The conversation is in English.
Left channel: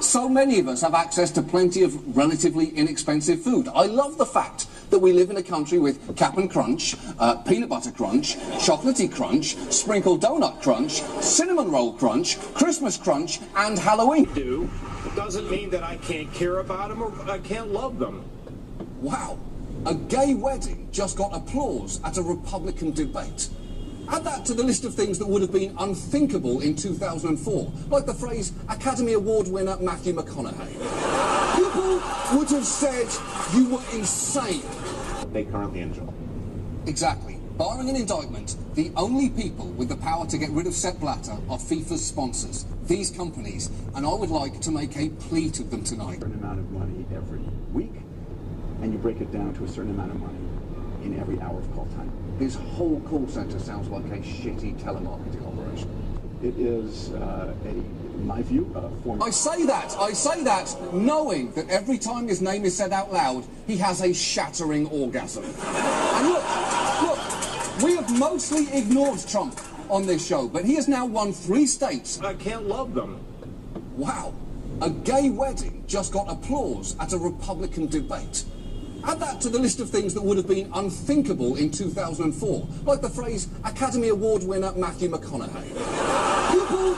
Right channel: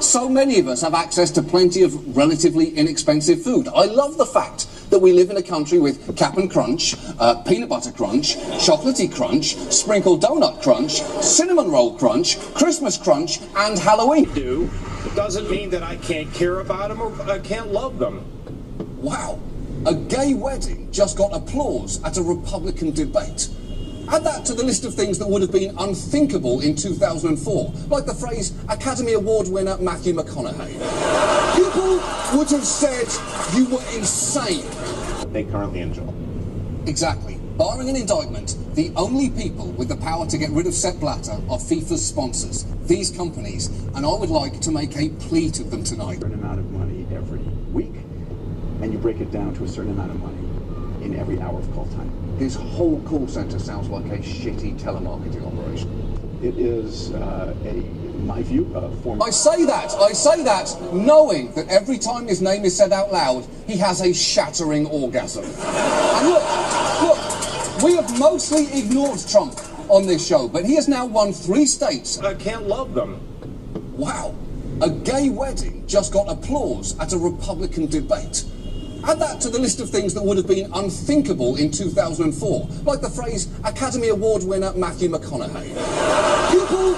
So many of us have access to plenty of relatively inexpensive food. I love the fact that we live in a country with Cap'n Crunch, Peanut Butter Crunch, Chocolatey Crunch, Sprinkled Donut Crunch, Cinnamon Roll Crunch, Christmas Crunch, and Halloween. Doesn't mean that I can't care about them or I can't love them. Wow. A gay wedding just got applause at a Republican debate. Add that to the list of things that would have been unthinkable in 2004, like the phrase Academy Award winner Matthew McConaughey. People would have said you were insane. They currently enjoy. Exactly. Barring an indictment, the only people with the power to get rid of Sepp Blatter are FIFA's sponsors, these companies, and I would like to make a plea to them tonight. A certain amount of money every week, and you break it down to a certain amount of money in every hour of call time. This whole call center sounds like a shitty telemarketing operation. It is, my view, a form... I say that, knowing that every time his name is said out loud, he has a shattering orgasm. And look, we have mostly ignored Trump on this show, but he has now won 3 states. I can't love them. Wow. A gay wedding just got applause at a Republican debate. Add that to the list of things that would have been unthinkable in 2004, like the phrase Academy Award winner Matthew McConaughey. People